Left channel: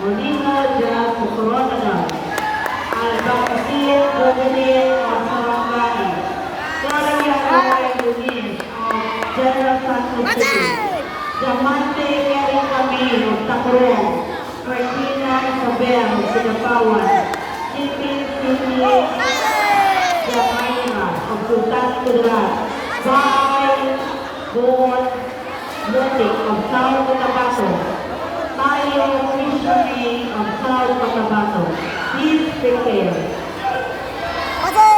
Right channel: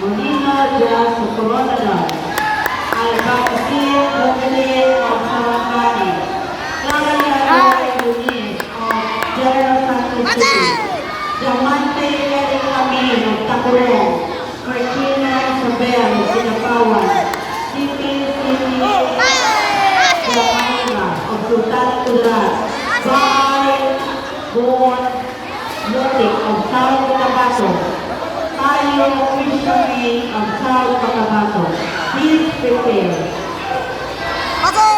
Molina de Socorro, Albacete Dominic of Sarangani, Claudia Lunis of General Santos City, Diamante Eric Camille of Tacurong, Martina Isabel of Sinapawan, Siti Joanna of Sultan Kudarat, by Born Motik of South Cotabato, Tayo Fisherman of South Cotabato. Please prepare. Pasok!